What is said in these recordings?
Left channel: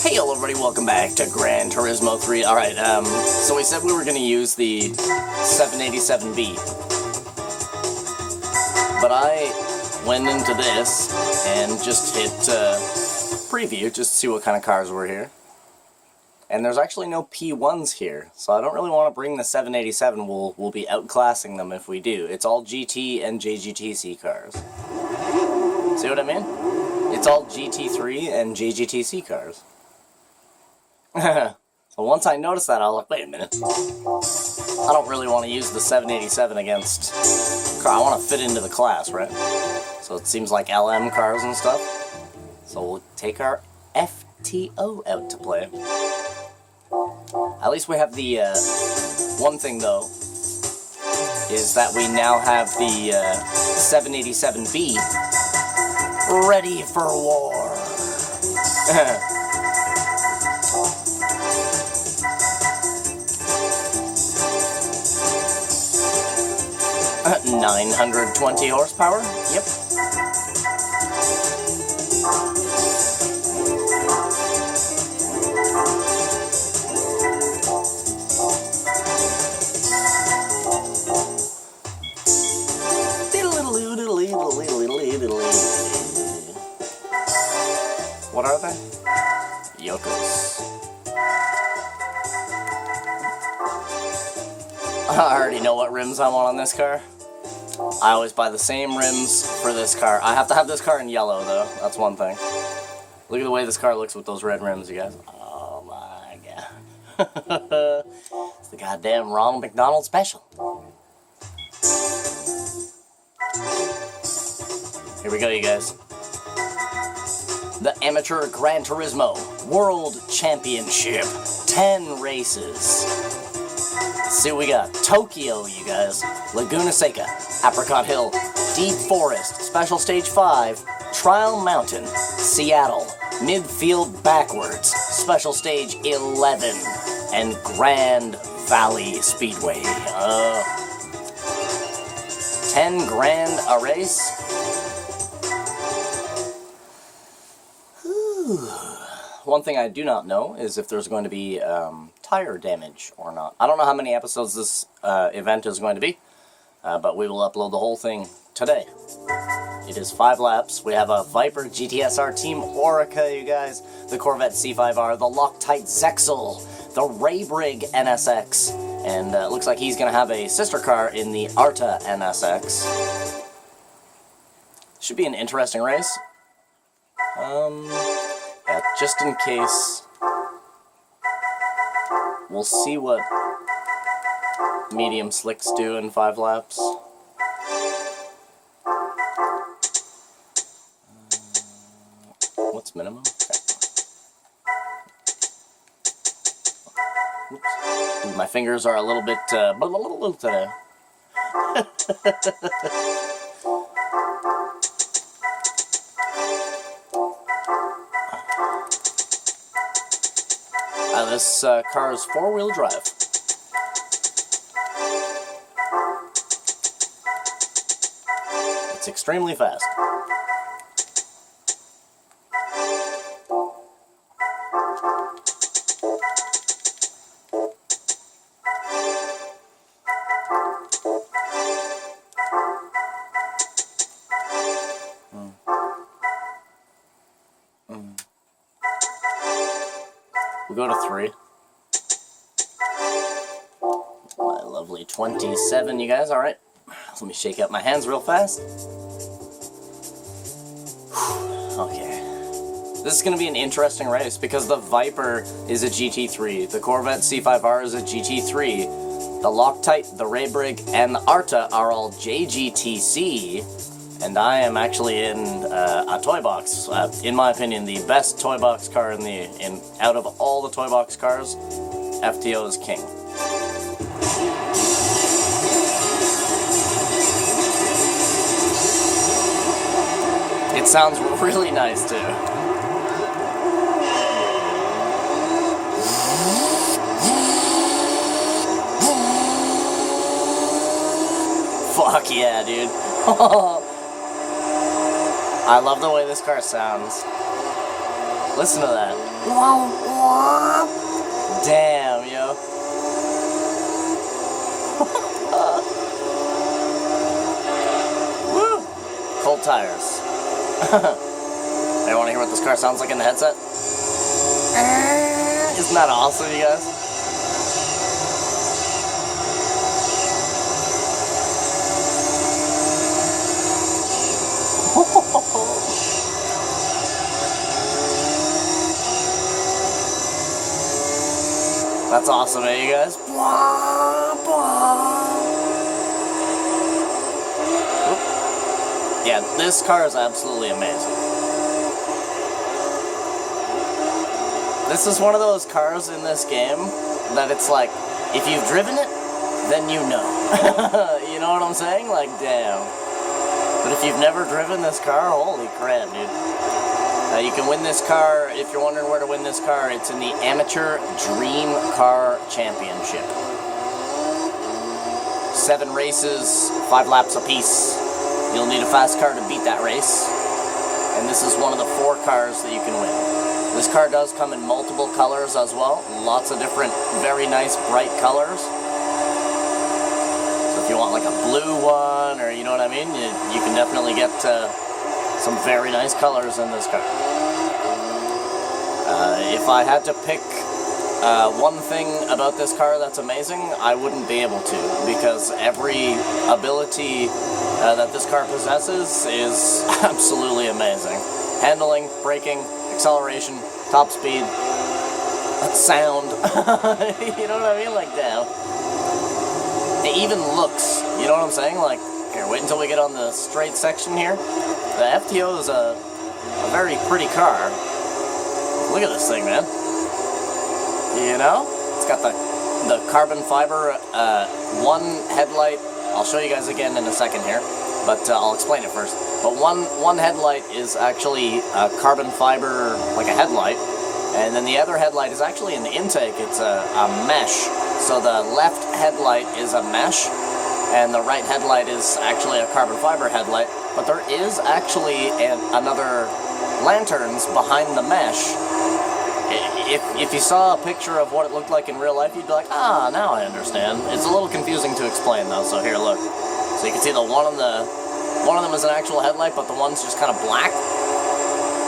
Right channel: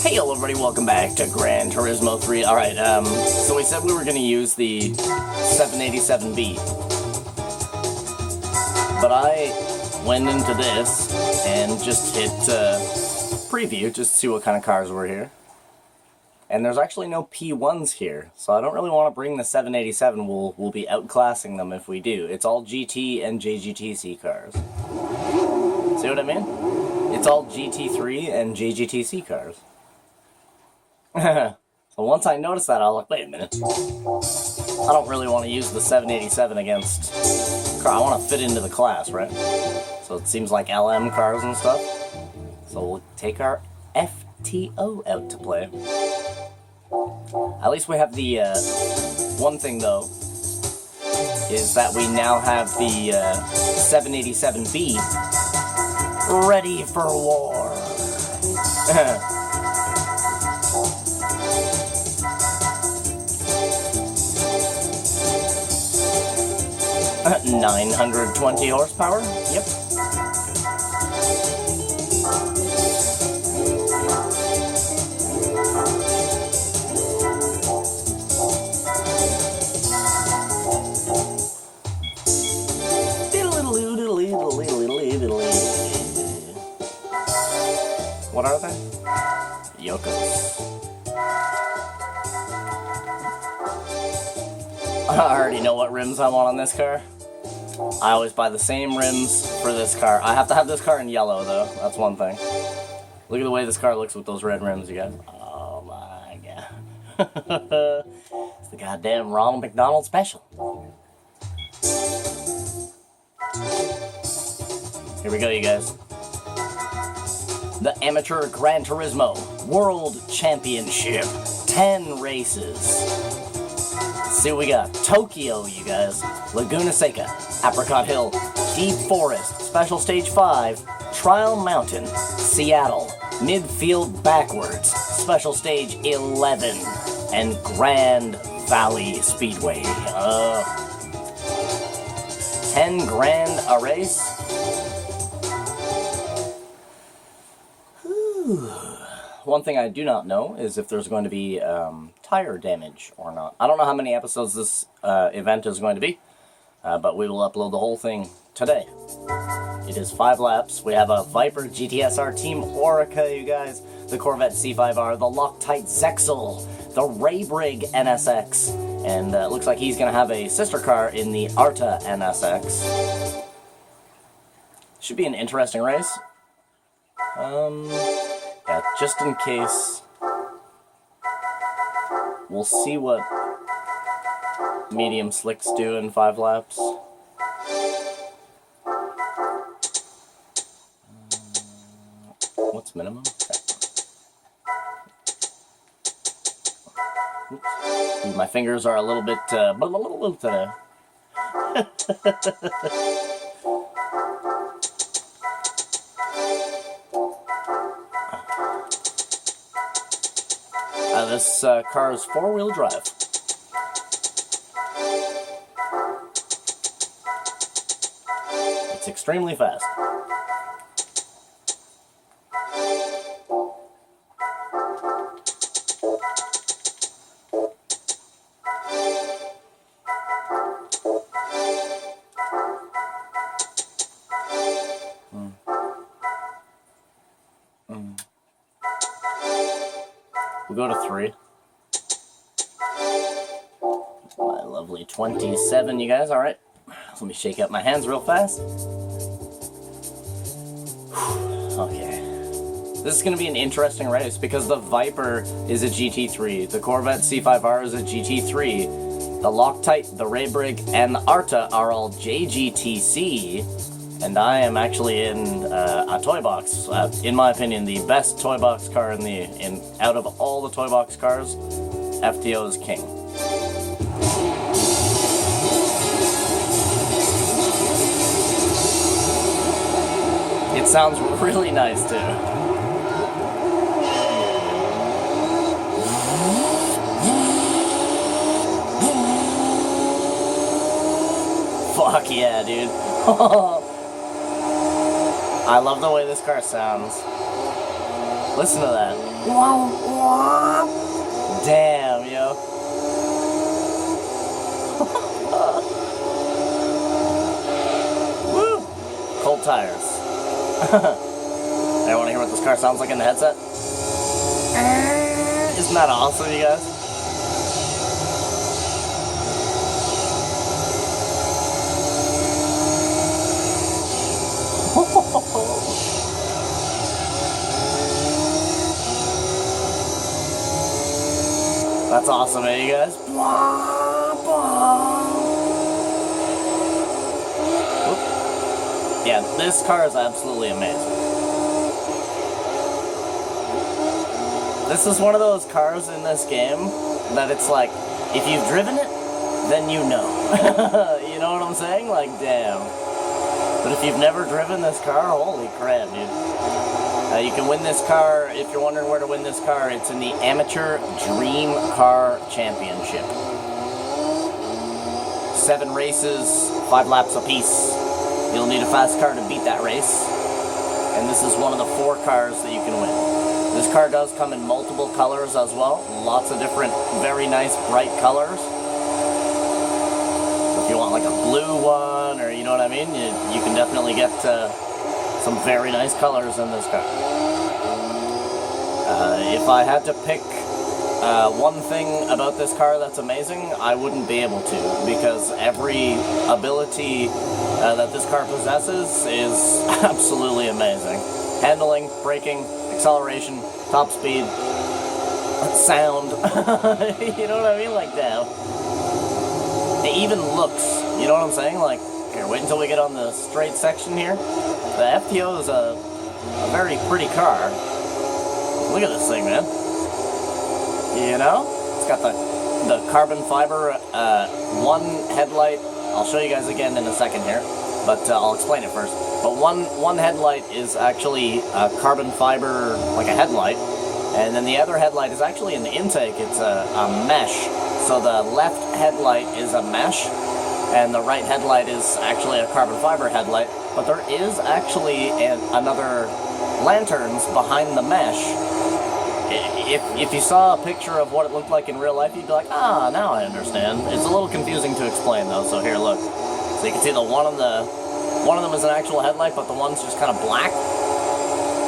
Hey hello everybody, welcome back to Gran Turismo 3. Alright, so we said we were going to use the 787B. But I went into this and just hit preview just to see what kind of cars were here. And there's actually no P1s here, so I don't really want to bring the 787. We'll be outclassing them if we do. It's all GT and JGTC cars. See what I mean? It's all GT3 and JGTC cars. So once I noticed that, I was like, wait a minute. I don't really want to use the 787 against car. I want to fit into the class, right? So it seems like LM cars and stuff. So we'll take our FTO out to play. At least we have the, one thing though, is that we now have the 787B ready for war. 920 horsepower, yep. What are they? Yokos. I already know what rims I want on this car. I always buy the same rims for this car. I have to have this car in yellow, though. That's one thing. Look at the way this car looks with those red rims, you guys. Oh, my God. It's the goddamn Ronald McDonald special. Here we go, you guys. The Amateur Gran Turismo World Championship. 10 races. Let's see what we got. Tokyo, you guys. Laguna Seca. Apricot Hill. Deep Forest. Special Stage 5. Trial Mountain. Seattle. Midfield Backwards. Special Stage 11. And Grand Valley Speedway. 10 grand a race? One thing I do not know is if there's going to be tire damage or not. I don't know how many episodes this event is going to be, but we will upload the whole thing today. It is 5 laps. We have a Viper GTSR Team Orica, you guys, the Corvette C5R, the Loctite Zexel, the Raybrig NSX, and it looks like he's going to have a sister car in the Arta NSX. Should be an interesting race. Yeah, just in case, we'll see what medium slicks do in 5 laps. What's minimum? Okay. Oops. Ooh, my fingers are a little bit, today. This car is 4-wheel drive. It's extremely fast. We go to 3. My lovely 27, you guys. All right. Let me shake out my hands real fast. Okay. This is going to be an interesting race because the Viper is a GT3. The Corvette C5R is a GT3. The Loctite, the Raybrig, and the Arta are all JGTC. And I am actually in a toy box. In my opinion, the best toy box car out of all the toy box cars. FTO is king. It sounds really nice too. Fuck yeah, dude. I love the way this car sounds. Listen to that. Damn, yo. Woo! Cold tires. I want to hear what this car sounds like in the headset. Isn't that awesome, you guys? That's awesome, eh, you guys? Yeah, this car is absolutely amazing. This is one of those cars in this game that it's like, if you've driven it, then you know. You know what I'm saying? Like, damn. But if you've never driven this car, holy crap, dude. You can win this car, if you're wondering where to win this car, it's in the Amateur Dream Car Championship. 7 races, 5 laps apiece. You'll need a fast car to beat that race. And this is one of the 4 cars that you can win. This car does come in multiple colors as well. Lots of different, very nice, bright colors. So if you want like a blue one, or you know what I mean, you can definitely get some very nice colors in this car. If I had to pick one thing about this car that's amazing, I wouldn't be able to, because every ability that this car possesses is absolutely amazing. Handling, braking, acceleration, top speed, sound, you know what I mean? Like, damn. It even looks, you know what I'm saying? Like, here, wait until we get on the straight section here. The FTO is a very pretty car. Look at this thing, man. You know? It's got the carbon fiber, one headlight. I'll show you guys again in a second here, but I'll explain it first. But one headlight is actually carbon fiber, like a headlight, and then the other headlight is actually an intake. It's a mesh. So the left headlight is a mesh, and the right headlight is actually a carbon fiber headlight. But there is actually another lanterns behind the mesh. If you saw a picture of what it looked like in real life, you'd be like, ah, now I understand. It's a little confusing to explain though, so here, look. So you can see one of them is an actual headlight, but the one's just kind of black.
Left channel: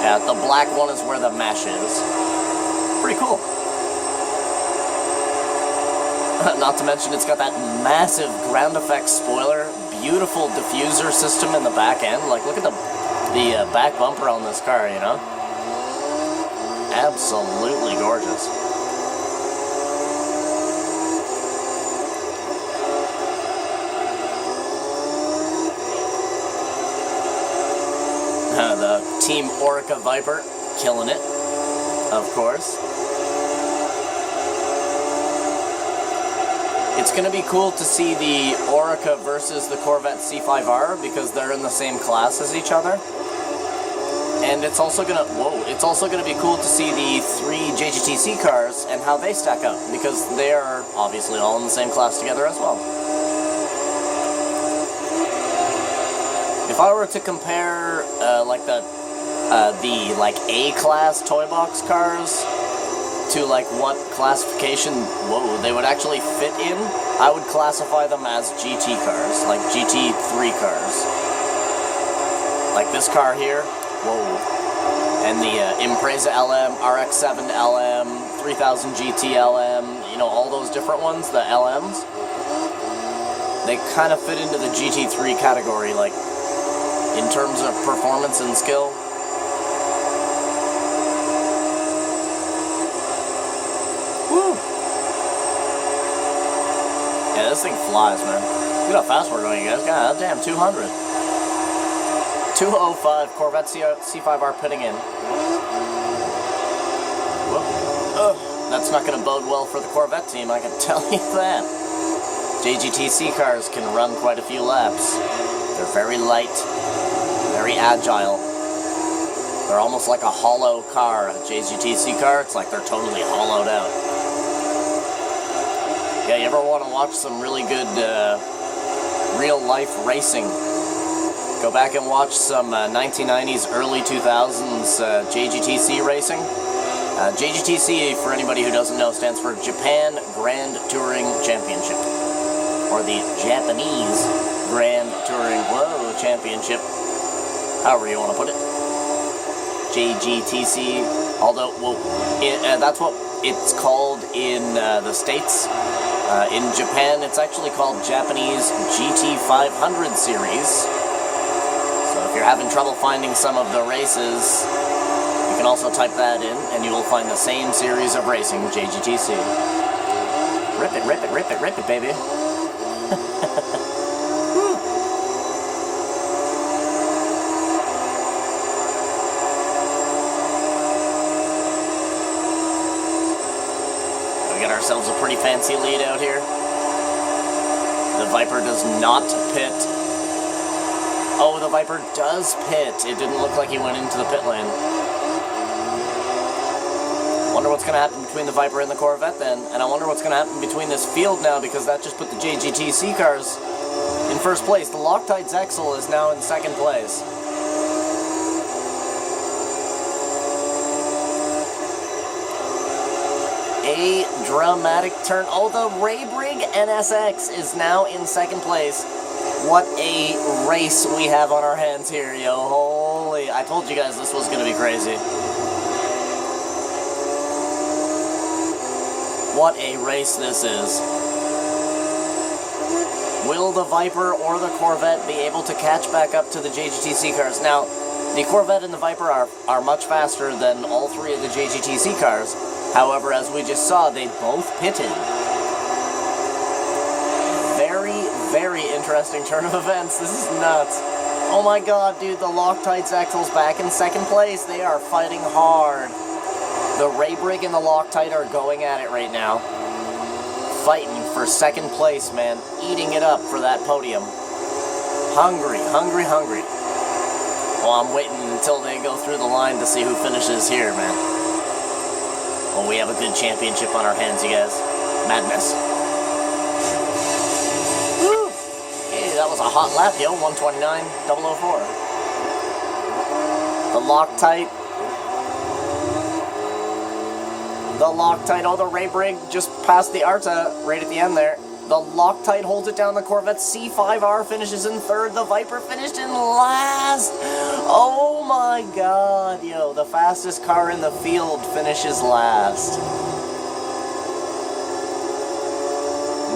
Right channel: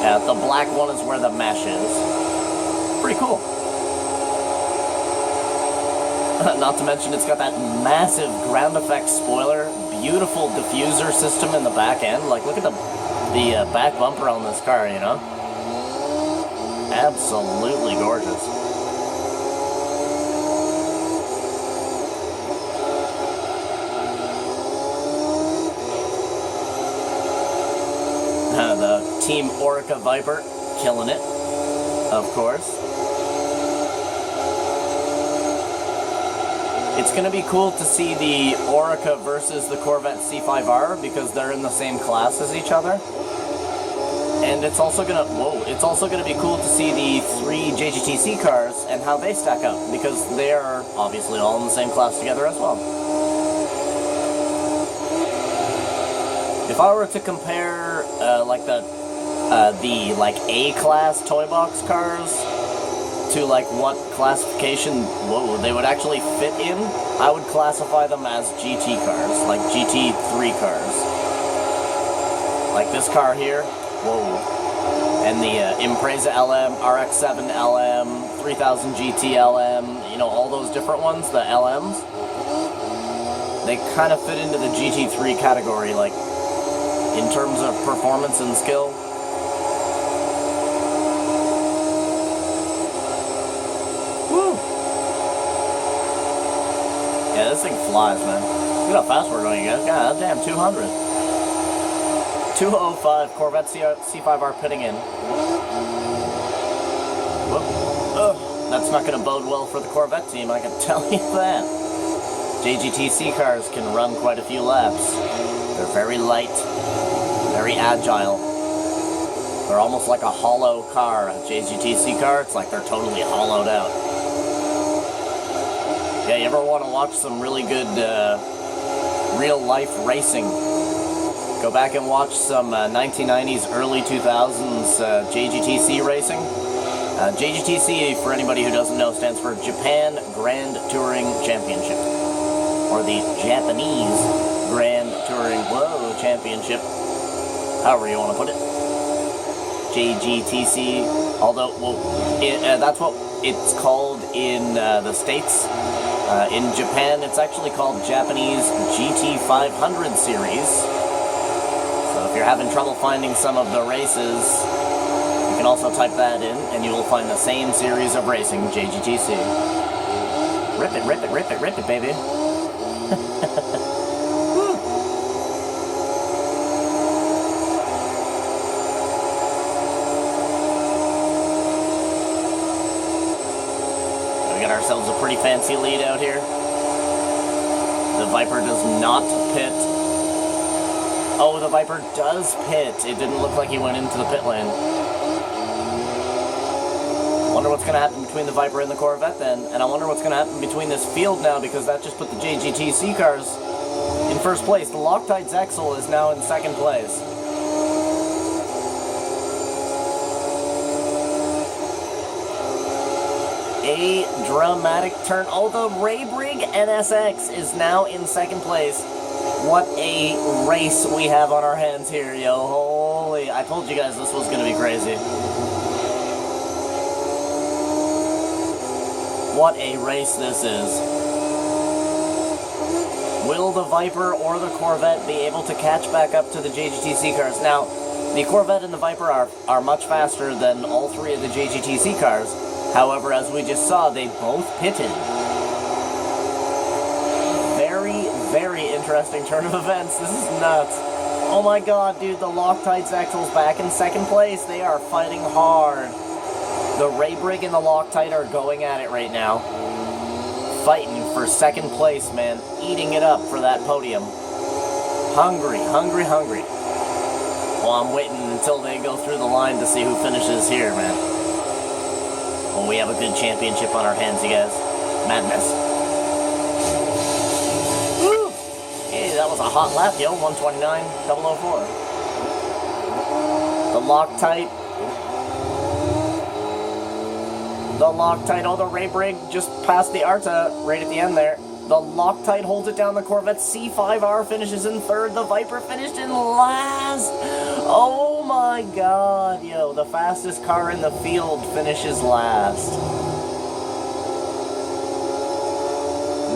Yeah, the black one is where the mesh is. Pretty cool. Not to mention it's got that massive ground effects spoiler, beautiful diffuser system in the back end. Like, look at the back bumper on this car, you know? Absolutely gorgeous. The Team Orica Viper, killing it, of course. It's going to be cool to see the Orica versus the Corvette C5R, because they're in the same class as each other. And it's also going to be cool to see the 3 JGTC cars and how they stack up, because they are obviously all in the same class together as well. If I were to compare like the A-class toy box cars to like what classification they would actually fit in, I would classify them as GT cars, like GT3 cars. Like this car here, and the Impreza LM, RX-7 LM, 3000 GT LM, you know, all those different ones, the LMs, they kind of fit into the GT3 category, like, in terms of performance and skill. Woo! Yeah, this thing flies, man. Look how fast we're going, you guys. God damn, 200. 205 Corvette C5R pitting in. That's not going to bode well for the Corvette team, I can tell you that. JGTC cars can run quite a few laps. They're very light, very agile. They're almost like a hollow car. A JGTC car, it's like they're totally hollowed out. Yeah, you ever want to watch some really good real-life racing? Go back and watch some 1990s, early 2000s JGTC racing. JGTC, for anybody who doesn't know, stands for Japan Grand Touring Championship, or the Japanese Grand Touring Championship, however you want to put it. JGTC, although, well, that's what it's called in the States. In Japan, it's actually called Japanese GT500 Series. So if you're having trouble finding some of the races, you can also type that in, and you will find the same series of racing, JGTC. Rip it, rip it, rip it, rip it, baby. Ourselves a pretty fancy lead out here. The Viper does not pit. Oh, the Viper does pit. It didn't look like he went into the pit lane. Wonder what's going to happen between the Viper and the Corvette then. And I wonder what's going to happen between this field now, because that just put the JGTC cars in first place. The Loctite Zexel is now in second place. A dramatic turn. Oh, the Raybrig NSX is now in second place. What a race we have on our hands here, yo. Holy, I told you guys this was going to be crazy. What a race this is. Will the Viper or the Corvette be able to catch back up to the JGTC cars? Now, the Corvette and the Viper are much faster than all three of the JGTC cars. However, as we just saw, they both pitted. Very, very interesting turn of events. This is nuts. Oh my god, dude, the Loctite Zexel's back in second place. They are fighting hard. The Raybrig and the Loctite are going at it right now. Fighting for second place, man. Eating it up for that podium. Hungry, hungry, hungry. Well, I'm waiting until they go through the line to see who finishes here, man. Well, we have a good championship on our hands, you guys. Madness. Woo! Hey, that was a hot lap, yo. 129.004. The Loctite. The Loctite. Oh, the Raybrig just passed the Arta right at the end there. The Loctite holds it down. The Corvette C5R finishes in third. The Viper finished in last. Oh my god, yo. The fastest car in the field finishes last.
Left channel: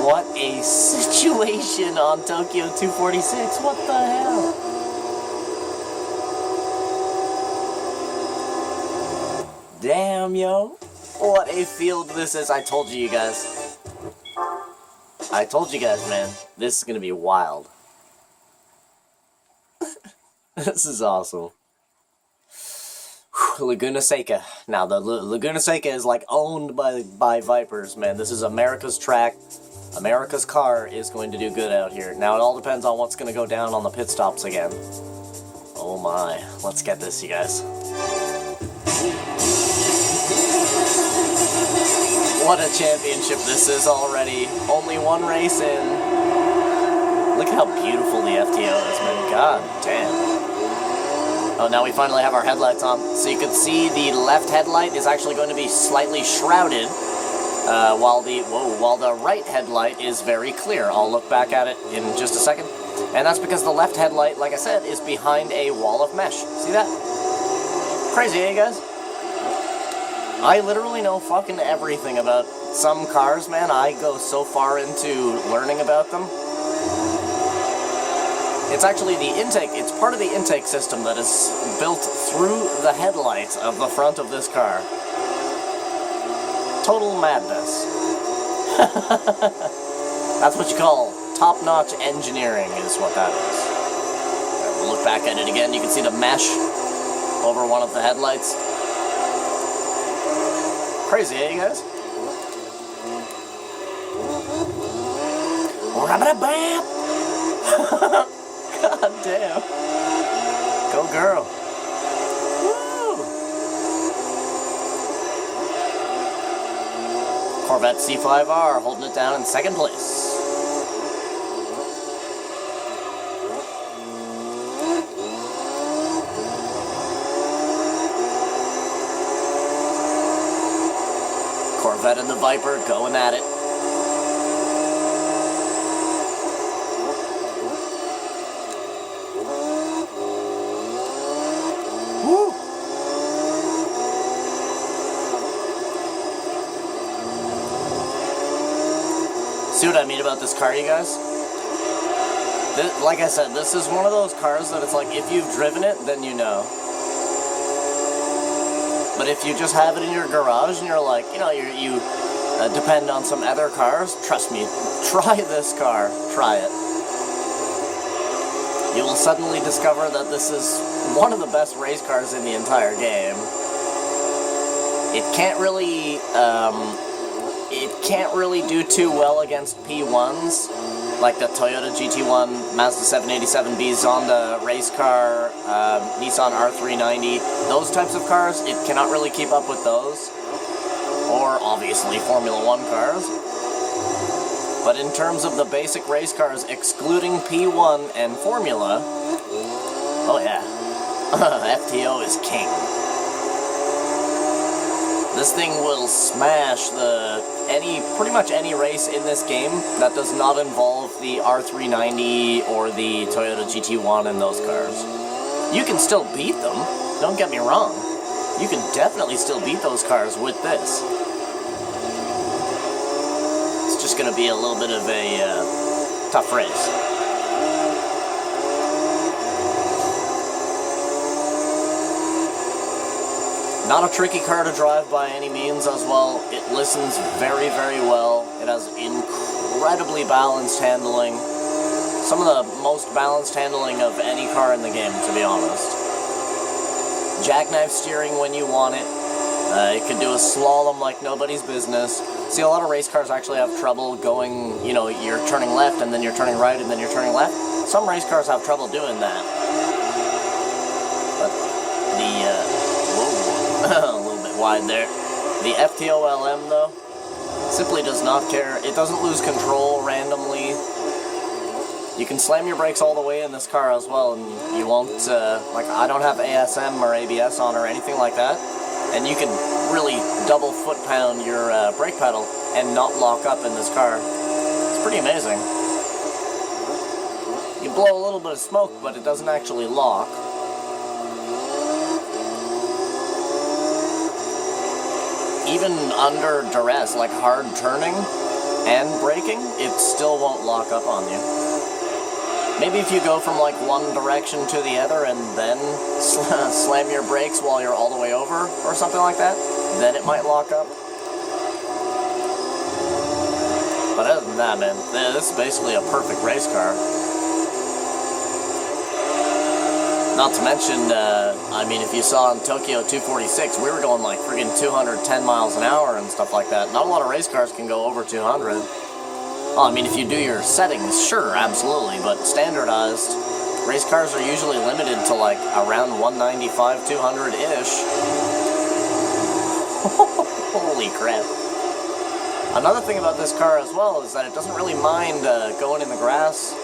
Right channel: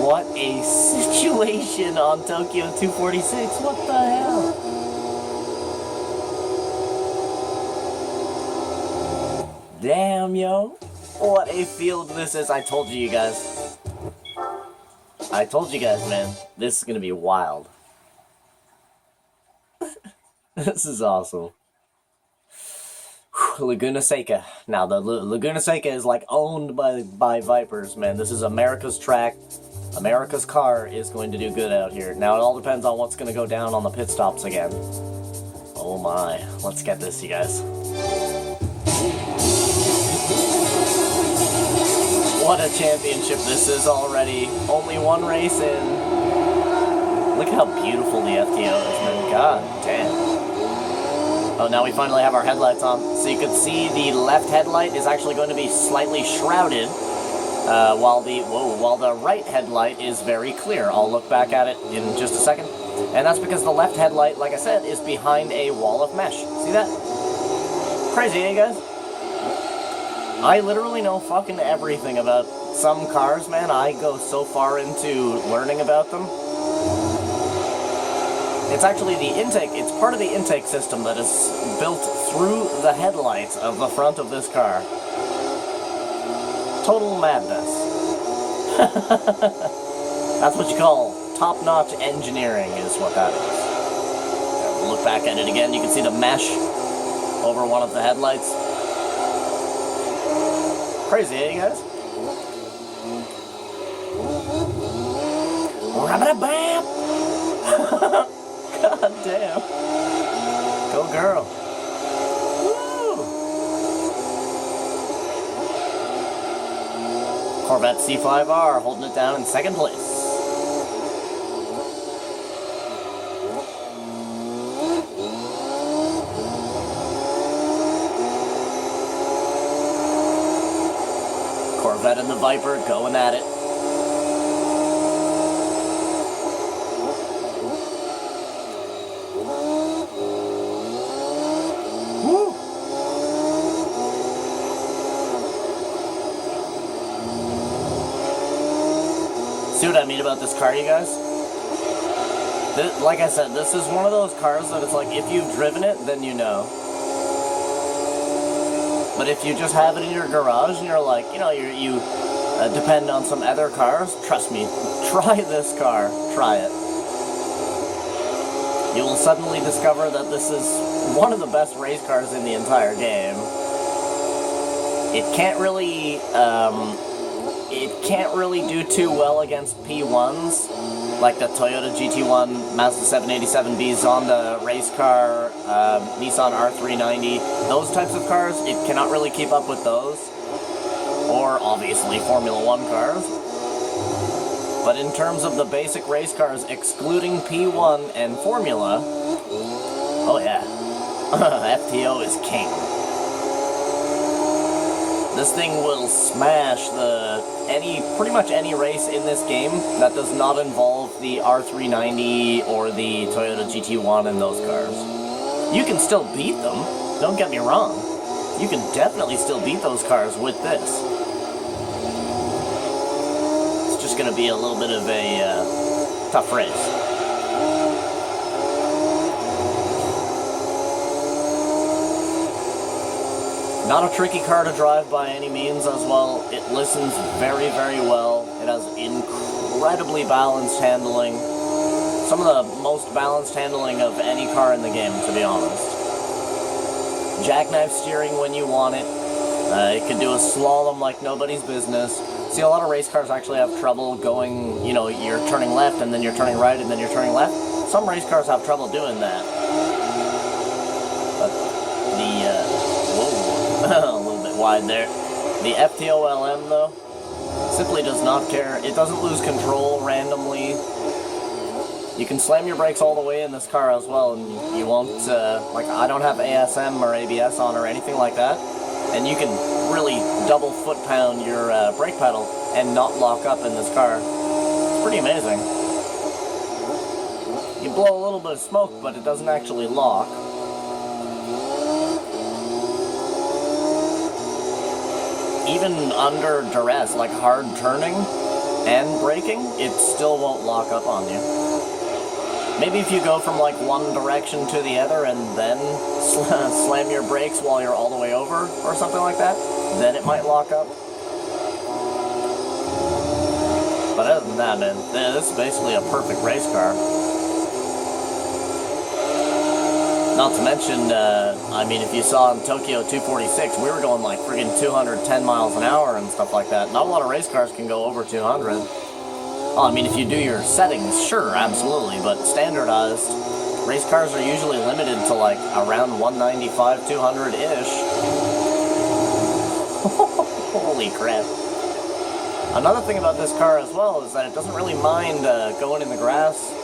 What a situation on Tokyo 246. What the hell? Damn, yo. What a field this is. I told you guys. I told you guys, man, this is going to be wild. This is awesome. Laguna Seca. Now, the Laguna Seca is like owned by Vipers, man. This is America's track. America's car is going to do good out here. Now, it all depends on what's going to go down on the pit stops again. Oh my. Let's get this, you guys. What a championship this is already. Only one race in. Look how beautiful the FTO is, man. God damn. Oh, now we finally have our headlights on. So you can see the left headlight is actually going to be slightly shrouded, while the right headlight is very clear. I'll look back at it in just a second. And that's because the left headlight, like I said, is behind a wall of mesh. See that? Crazy, eh, guys? I literally know fucking everything about some cars, man. I go so far into learning about them. It's actually the intake, it's part of the intake system that is built through the headlights of the front of this car. Total madness. That's what you call top-notch engineering, is what that is. We'll look back at it again. You can see the mesh over one of the headlights. Crazy, eh, you guys? God damn. Go girl. Woo! Corvette C5R holding it down in second place. Corvette and the Viper going at it. Woo! See what I mean about this car, you guys? Like I said, this is one of those cars that it's like, if you've driven it, then you know. But if you just have it in your garage and you're like, you know, you depend on some other cars, trust me, try this car, try it. You will suddenly discover that this is one of the best race cars in the entire game. It can't really do too well against P1s, like the Toyota GT1, Mazda 787B, Zonda race car, Nissan R390, those types of cars, it cannot really keep up with those, or obviously Formula 1 cars. But in terms of the basic race cars, excluding P1 and Formula, oh yeah, FTO is king. This thing will smash pretty much any race in this game that does not involve the R390 or the Toyota GT1 and those cars. You can still beat them, don't get me wrong. You can definitely still beat those cars with this. It's just going to be a little bit of a tough race. Not a tricky car to drive by any means as well. It listens very, very well. It has incredibly balanced handling. Some of the most balanced handling of any car in the game, to be honest. Jackknife steering when you want it. It can do a slalom like nobody's business. See, a lot of race cars actually have trouble going, you know, you're turning left and then you're turning right and then you're turning left. Some race cars have trouble doing that. But a little bit wide there. The FTO LM, though, simply does not care. It doesn't lose control randomly. You can slam your brakes all the way in this car as well, and you won't, like, I don't have ASM or ABS on or anything like that, and you can really double foot-pound your brake pedal and not lock up in this car. It's pretty amazing. You blow a little bit of smoke, but it doesn't actually lock. Even under duress, like hard turning and braking, it still won't lock up on you. Maybe if you go from like one direction to the other and then slam your brakes while you're all the way over or something like that, then it might lock up. But other than that, man, this is basically a perfect race car. Not to mention, I mean, if you saw in Tokyo 246, we were going like friggin' 210 miles an hour and stuff like that. Not a lot of race cars can go over 200. Well, I mean, if you do your settings, sure, absolutely, but standardized, race cars are usually limited to like around 195, 200-ish. Holy crap. Another thing about this car as well is that it doesn't really mind going in the grass,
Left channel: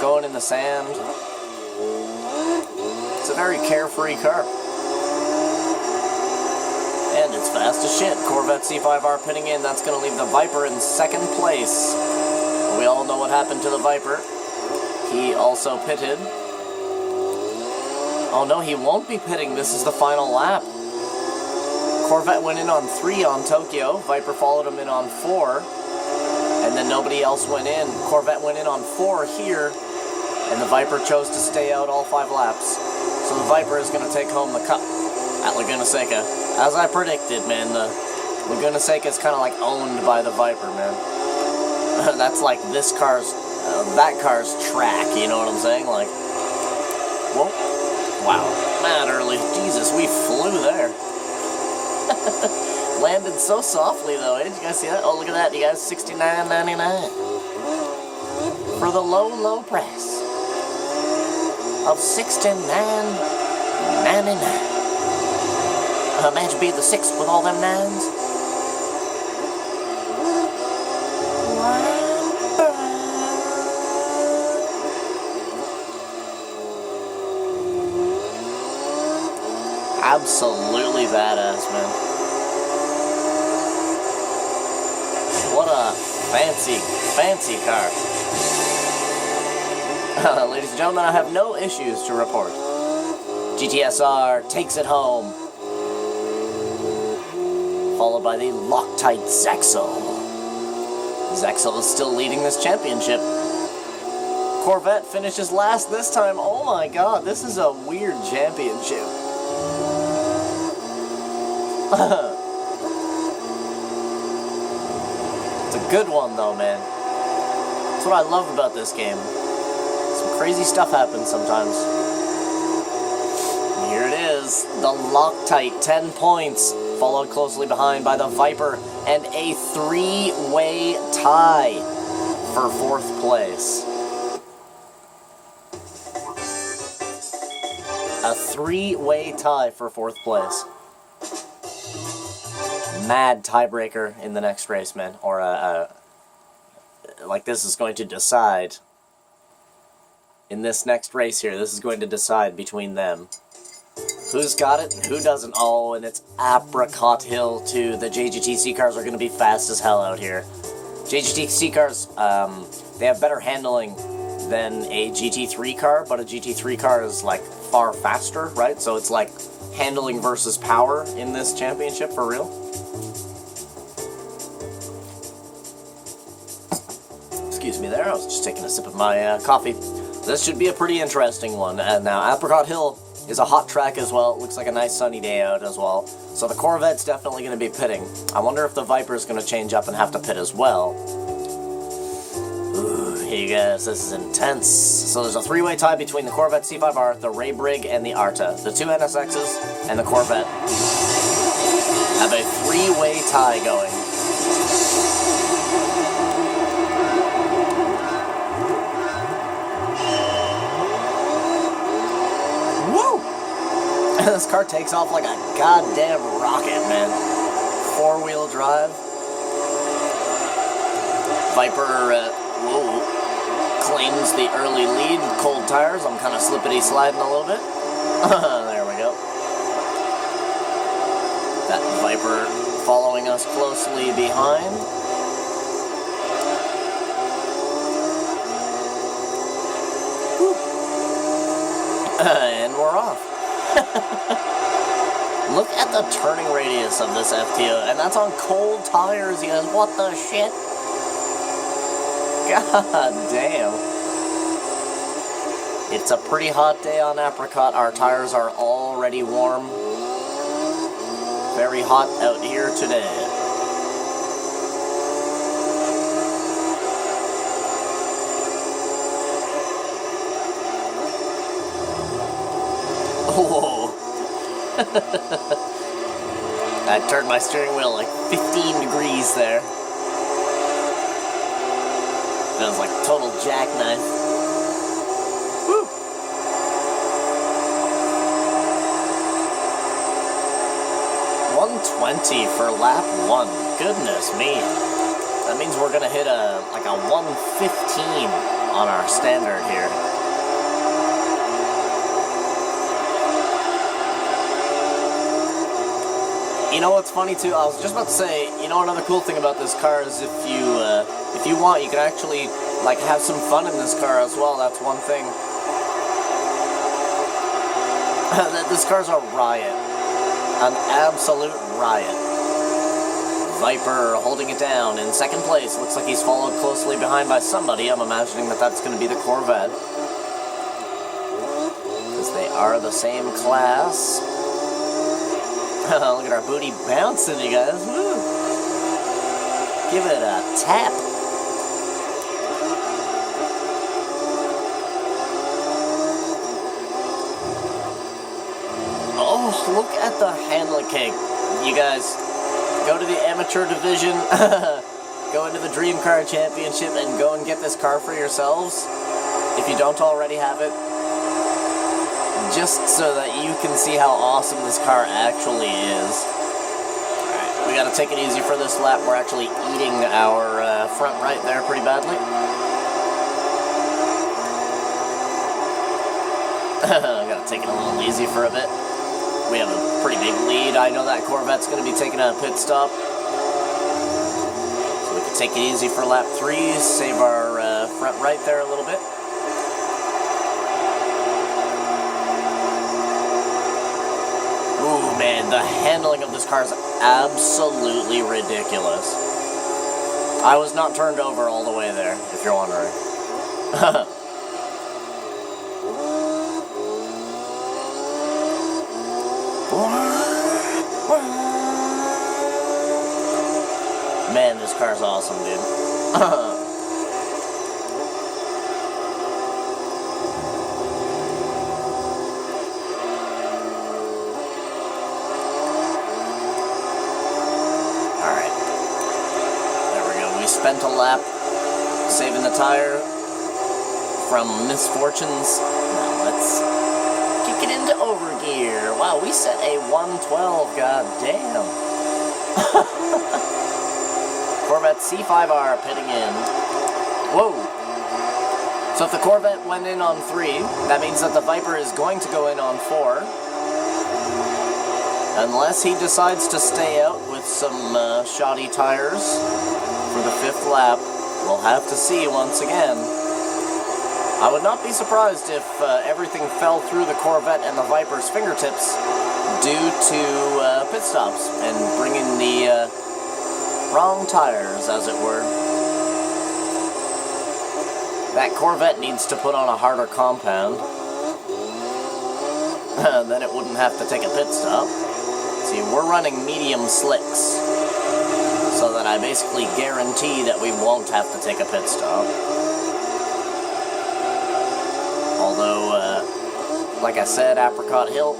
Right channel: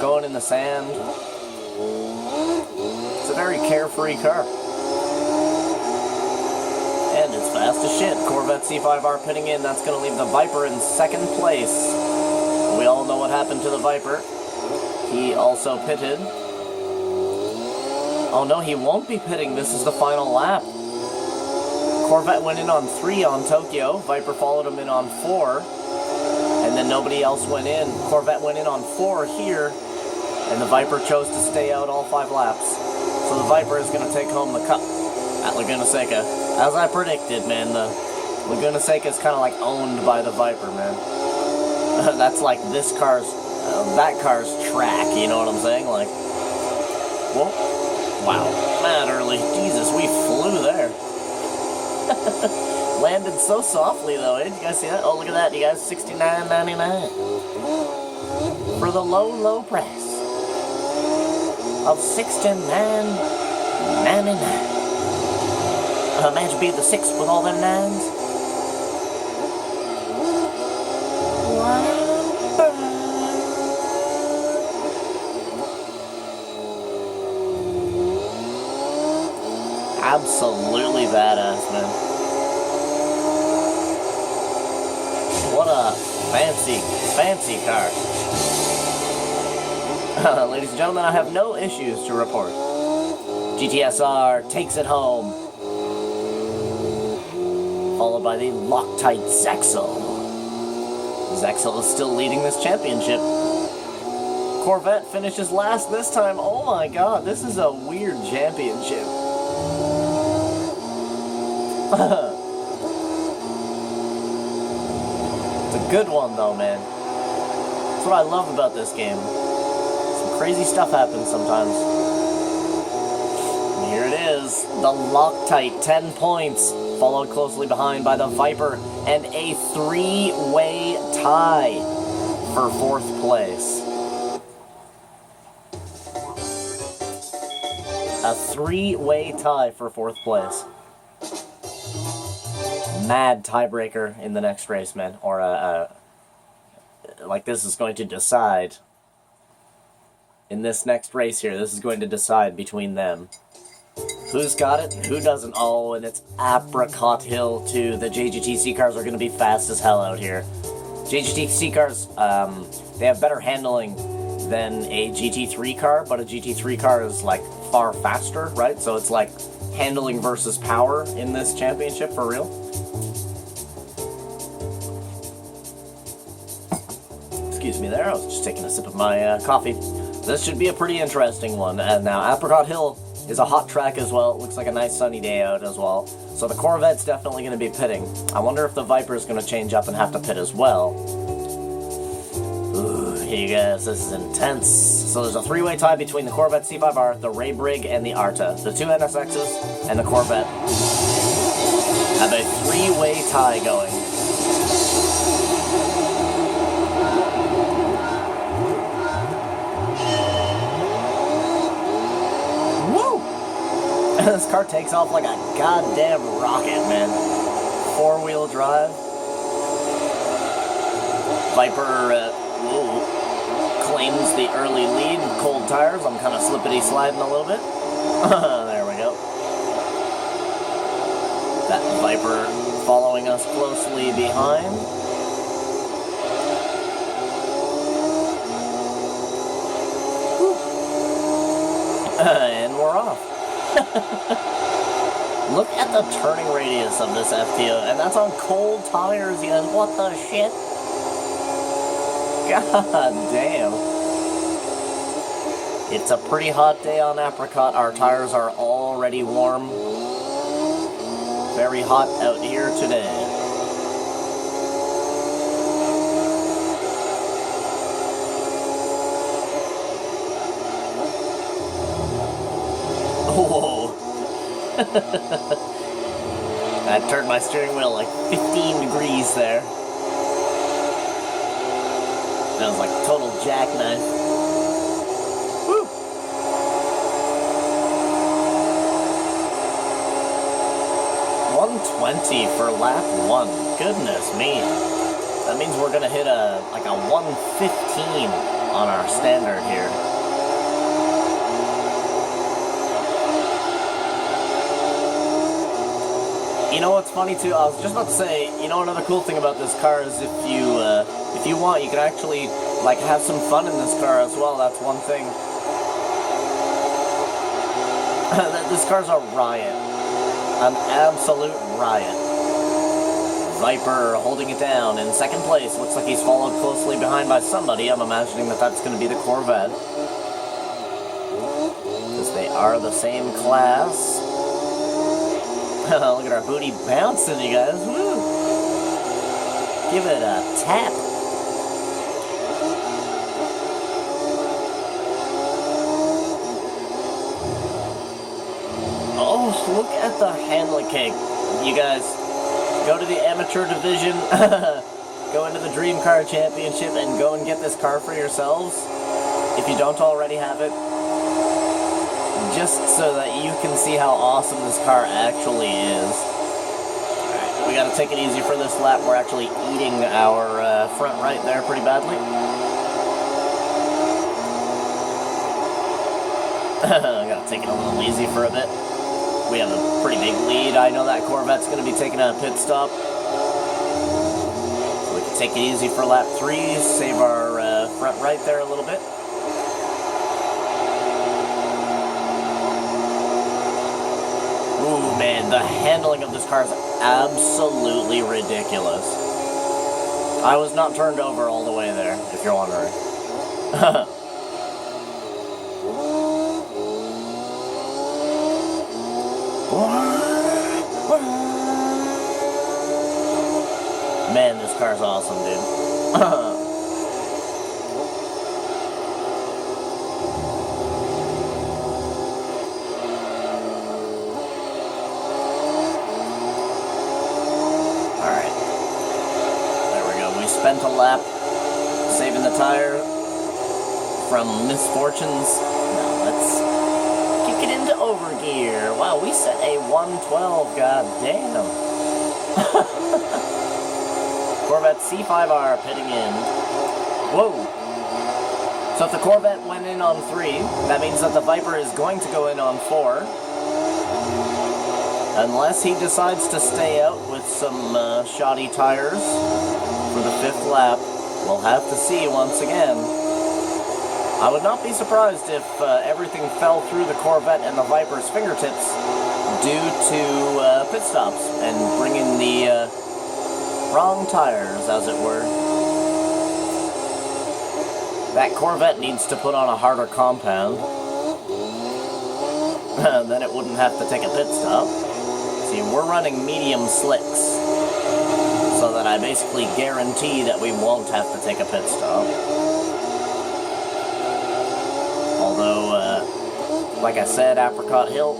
going in the sand. It's a very carefree car. And it's fast as shit. Corvette C5R pitting in. That's going to leave the Viper in second place. We all know what happened to the Viper. He also pitted. Oh no, he won't be pitting. This is the final lap. Corvette went in on 3 on Tokyo. Viper followed him in on 4. And then nobody else went in. Corvette went in on 4 here. And the Viper chose to stay out all 5 laps. So the Viper is going to take home the cup at Laguna Seca. As I predicted, man, Laguna Seca is kind of like owned by the Viper, man. That's like this car's, that car's track, you know what I'm saying? Like, whoa, wow, mad early. Jesus, we flew there. Landed so softly, though, eh? Did you guys see that? Oh, look at that, you guys, $69.99. For the low, low price of $69.99. Imagine being the 6th with all them 9s. Absolutely badass, man. Fancy, fancy car. Ladies and gentlemen, I have no issues to report. GTSR takes it home. Followed by the Loctite Zexel. Zexel is still leading this championship. Corvette finishes last this time. Oh my god, this is a weird championship. It's a good one though, man. That's what I love about this game. Some crazy stuff happens sometimes. And here it is, the Loctite, 10 points, followed closely behind by the Viper, and a three-way tie for 4th place. A three-way tie for 4th place. Mad tiebreaker in the next race, man. Or, like this is going to decide. In this next race here, this is going to decide between them. Who's got it? Who doesn't? Oh, and it's Apricot Hill, too. The JGTC cars are going to be fast as hell out here. JGTC cars, they have better handling than a GT3 car, but a GT3 car is, like, far faster, right? So it's like handling versus power in this championship, for real. Excuse me there, I was just taking a sip of my coffee. This should be a pretty interesting one. And now, Apricot Hill is a hot track as well. It looks like a nice sunny day out as well. So the Corvette's definitely going to be pitting. I wonder if the Viper's going to change up and have to pit as well. Ooh, you guys, this is intense. So there's a three-way tie between the Corvette C5R, the Ray Brig, and the Arta. The two NSXs and the Corvette have a three-way tie going. This car takes off like a goddamn rocket, man. 4-wheel drive. Viper claims the early lead. Cold tires. I'm kind of slippity-sliding a little bit. There we go. That Viper following us closely behind. And we're off. Look at the turning radius of this FTO, and that's on cold tires, you guys. What the shit? God damn. It's a pretty hot day on Apricot. Our tires are already warm. Very hot out here today. Whoa. I turned my steering wheel like 15 degrees there. That was like total jackknife. Woo! 120 for lap 1. Goodness me. That means we're gonna hit like a 115 on our standard here. You know what's funny too? I was just about to say, you know, another cool thing about this car is if you want, you can actually like have some fun in this car as well. That's one thing. This car's a riot, an absolute riot. Viper holding it down in second place. Looks like he's followed closely behind by somebody. I'm imagining that that's going to be the Corvette, because they are the same class. Look at our booty bouncing, you guys. Woo! Give it a tap. Oh, look at the handling cake. You guys, go to the amateur division, go into the Dream Car Championship, and go and get this car for yourselves, if you don't already have it. Just so that you can see how awesome this car actually is. We gotta take it easy for this lap. We're actually eating our front right there pretty badly. Gotta take it a little easy for a bit. We have a pretty big lead. I know that Corvette's gonna be taking a pit stop. So we can take it easy for lap 3, save our front right there a little bit. Ooh, man, the handling of this car is absolutely ridiculous. I was not turned over all the way there, if you're wondering. Man, this car's awesome, dude. Spent a lap saving the tire from misfortunes. Now let's kick it into overgear. Wow, we set a 112, god damn. Corvette C5R pitting in. Whoa. So if the Corvette went in on 3, that means that the Viper is going to go in on 4. Unless he decides to stay out with some shoddy tires for the 5th lap. We'll have to see once again. I would not be surprised if everything fell through the Corvette and the Viper's fingertips due to pit stops and bringing the wrong tires, as it were. That Corvette needs to put on a harder compound. Then it wouldn't have to take a pit stop. See, we're running medium slicks, so that I basically guarantee that we won't have to take a pit stop. Although, like I said, Apricot Hill,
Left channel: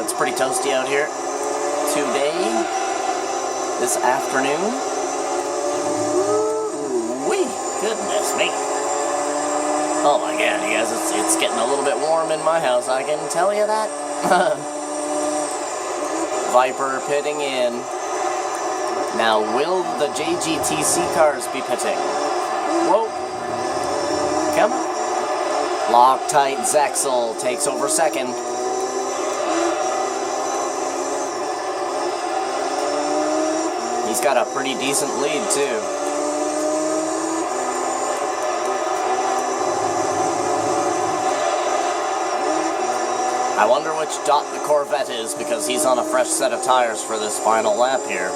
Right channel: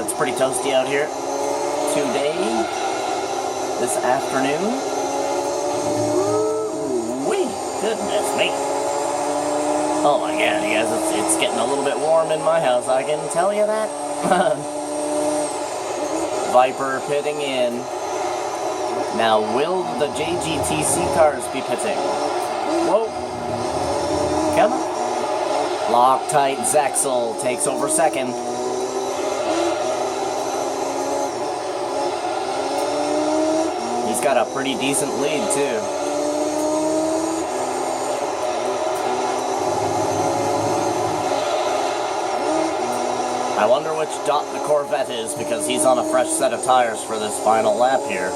it's pretty toasty out here today, this afternoon. Whee! Goodness me. Oh my god, you guys, it's getting a little bit warm in my house, I can tell you that. Viper pitting in. Now, will the JGTC cars be pitting? Whoa. Come. Loctite Zexel takes over second. He's got a pretty decent lead, too. I wonder which dot the Corvette is, because he's on a fresh set of tires for this final lap here.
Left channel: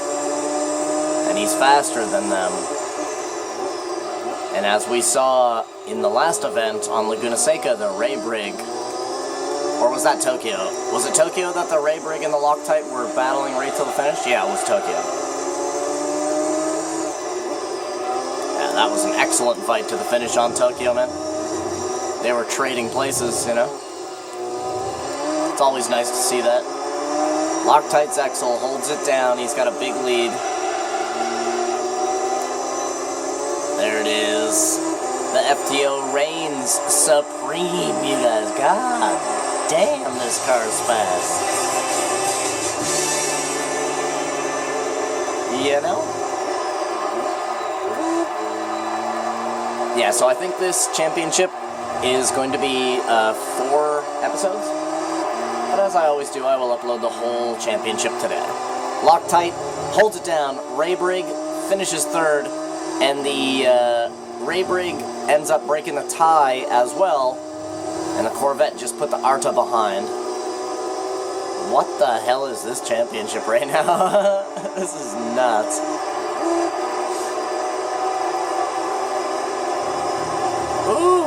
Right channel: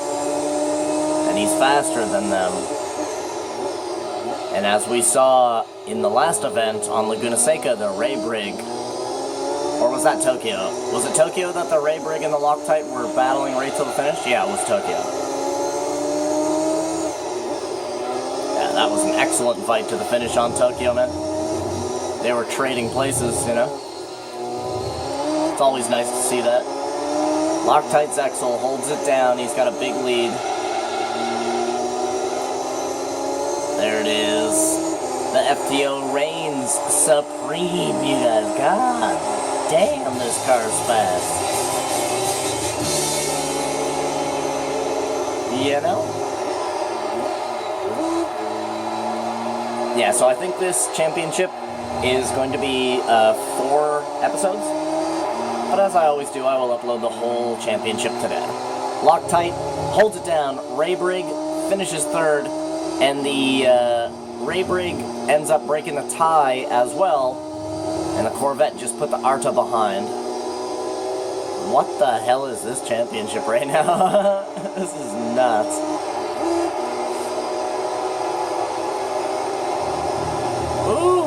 And he's faster than them. And as we saw in the last event on Laguna Seca, the Ray Brig, or was that Tokyo? Was it Tokyo that the Ray Brig and the Loctite were battling right till the finish? Yeah, it was Tokyo. Yeah, that was an excellent fight to the finish on Tokyo, man. They were trading places, you know? It's always nice to see that. Loctite Zexel holds it down. He's got a big lead. There it is. The FTO reigns supreme, you guys. God damn, this car's fast. You know? Yeah, so I think this championship is going to be 4 episodes. But as I always do, I will upload the whole championship today. Loctite holds it down. Ray Brig finishes 3rd. And the Ray Brig ends up breaking a tie as well. And the Corvette just put the Arta behind. What the hell is this championship right now? This is nuts. Ooh!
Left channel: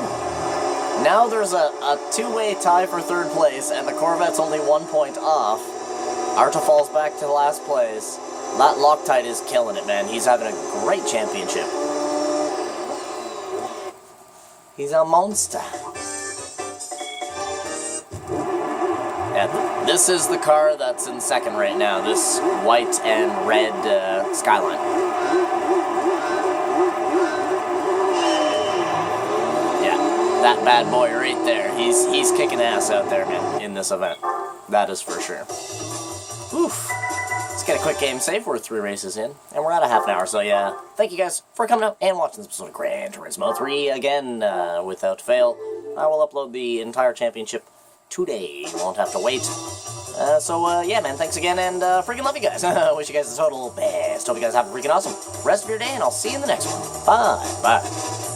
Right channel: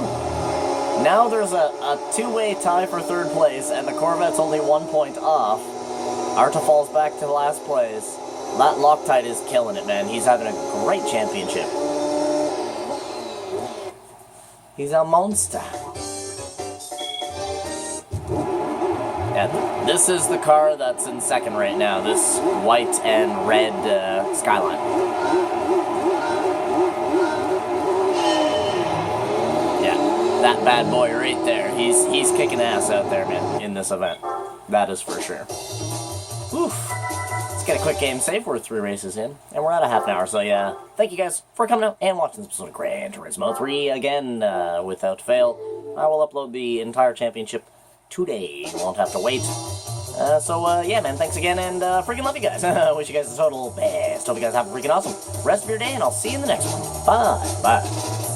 Now there's a two-way tie for 3rd place, and the Corvette's only 1 point off. Arta falls back to last place. That Loctite is killing it, man. He's having a great championship. He's a monster. And this is the car that's in 2nd right now, this white and red Skyline. Yeah, that bad boy right there. He's kicking ass out there, man, in this event. That is for sure. Oof. Let's get a quick game save. We're 3 races in, and we're at a half an hour, so yeah. Thank you guys for coming out and watching this episode of Gran Turismo 3 again, without fail. I will upload the entire championship today. You won't have to wait Yeah, man, thanks again, and freaking love you guys. Wish you guys the total best. Hope you guys have a freaking awesome rest of your day, and I'll see you in the next one. Bye. Bye.